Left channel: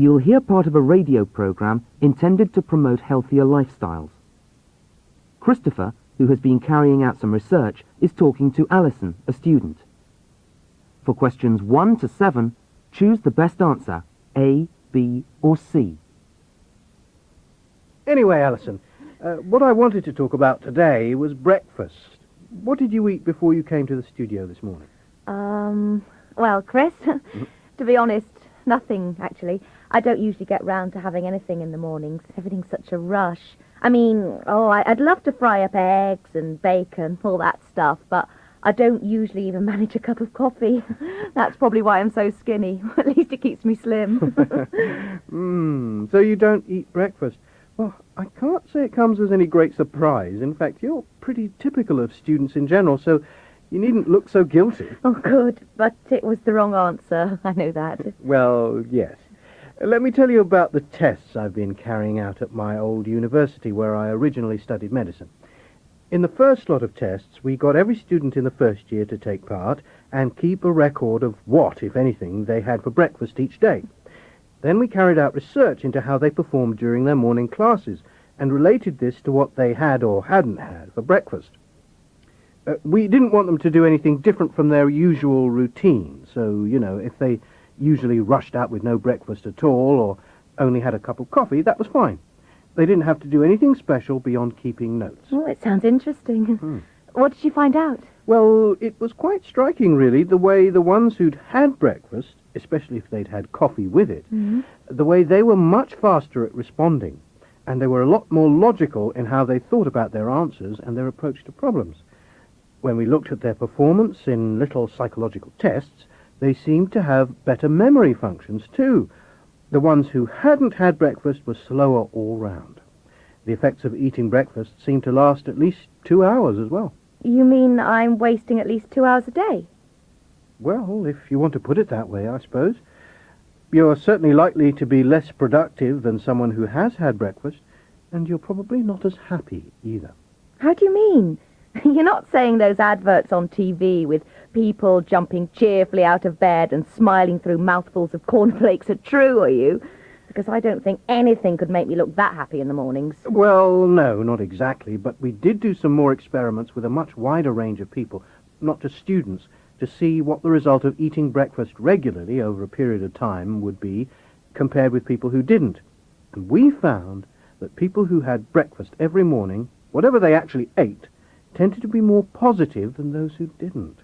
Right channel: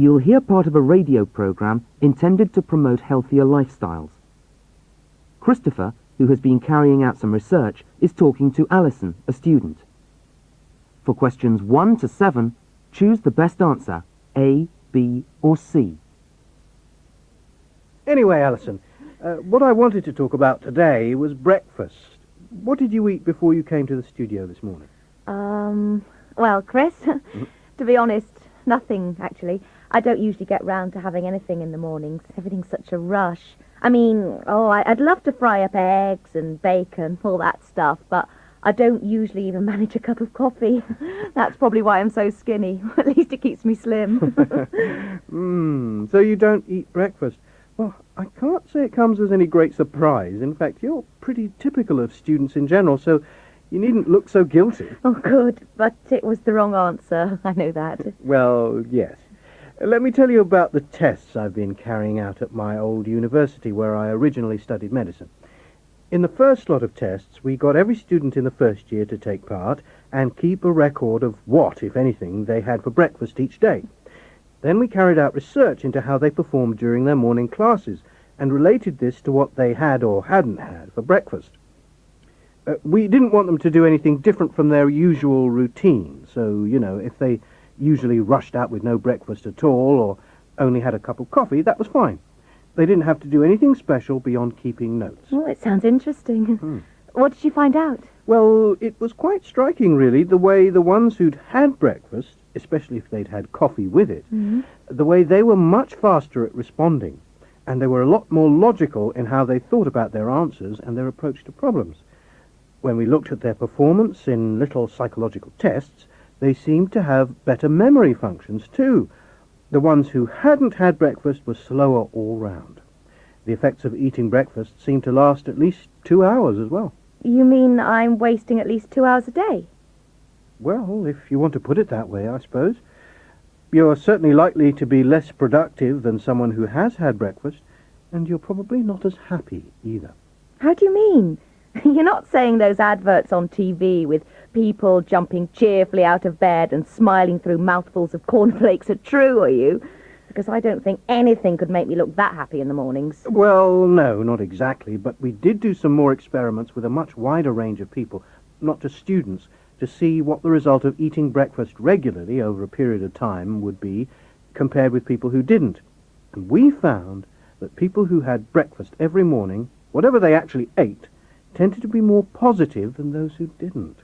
You'll hear part of a radio programme intended to promote healthier lifestyles. Christopher, who has been carrying out some research, is talking to Alison, a student. For questions 1 to 7, choose the best answer, A, B or C. Anyway, Alison, what I wanted to talk about today was breakfast. What did you eat before you came to the studio this morning? Well, Chris, to be honest, nothing, actually. I don't usually get round to having anything in the mornings. Everything's such a rush. I mean, I'd love to fry up eggs and bacon, all that stuff, but I don't usually even manage a cup of coffee. That's probably why I'm so skinny. At least it keeps me slim. So you don't eat breakfast. Well, I can't say it comes as any great surprise. In fact, you're pretty typical of students in general, so you needn't look so guilty. Oh, good, but it was the wrong answer. I know that. Well, yes. Let me tell you about the tests I've been carrying out at my old university where I originally studied medicine. In the first lot of tests, we got every student in the first year to take part and keep a record of what, if anything, they had for breakfast each day. Then we carried out research into how they performed during their morning classes and related this to what they had or hadn't had for breakfast. We didn't want them to do anything different from their usual routine, so, if they usually rushed out with no breakfast at all or only had a cup of coffee, that was fine. They didn't have to do anything special beyond keeping notes. Oh, it sounds interesting. What did you find out? Well, it was quite striking, really, the way the ones who'd had breakfast, especially if they'd had coffee with it, the way they were much faster at responding, and they were a lot more logical in how they thought about their answers and their approach to problems. When we looked at their performance in little psychological tests, they seemed to have better memory functions, too. The ones who hadn't had breakfast were slower all round. The effects of eating breakfast seemed to last at least 2 hours as well. You mean I'm wasting at least 2 hours a day? Well, if you want to put it that way, I suppose. You're certainly likely to be less productive than someone who has had breakfast, and you're probably not as happy either. How do you mean? You're not saying those adverts on TV with people jumping cheerfully out of bed and smiling through mouthfuls of cornflakes are true, are you? Because I don't think anything could make me look that happy in the mornings. Well, no, not exactly, but we did do some more experiments with a much wider range of people, not just students, to see what the result of eating breakfast regularly over a period of time would be compared with people who didn't. And we found that people who had breakfast every morning, whatever they actually ate, tended to be more positive than those who didn't.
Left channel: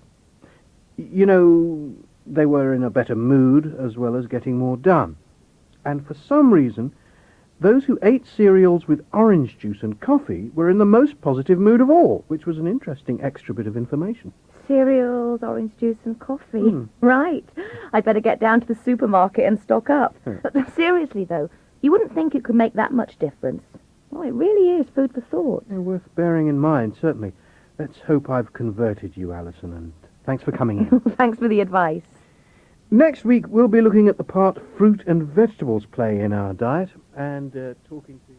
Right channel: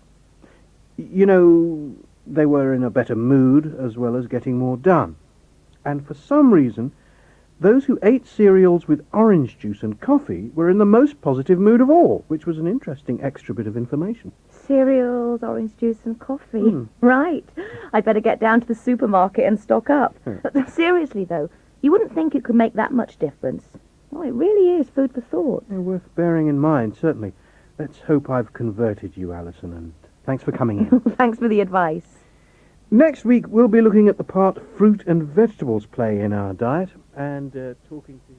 They were in a better mood as well as getting more done. And for some reason, those who ate cereals with orange juice and coffee were in the most positive mood of all, which was an interesting extra bit of information. Cereals, orange juice and coffee. Right. I'd better get down to the supermarket and stock up. But seriously, though, you wouldn't think it could make that much difference. Well, it really is food for thought. Yeah, worth bearing in mind, certainly. Let's hope I've converted you, Alison, and thanks for coming in. Thanks for the advice. Next week, we'll be looking at the part fruit and vegetables play in our diet and talking to...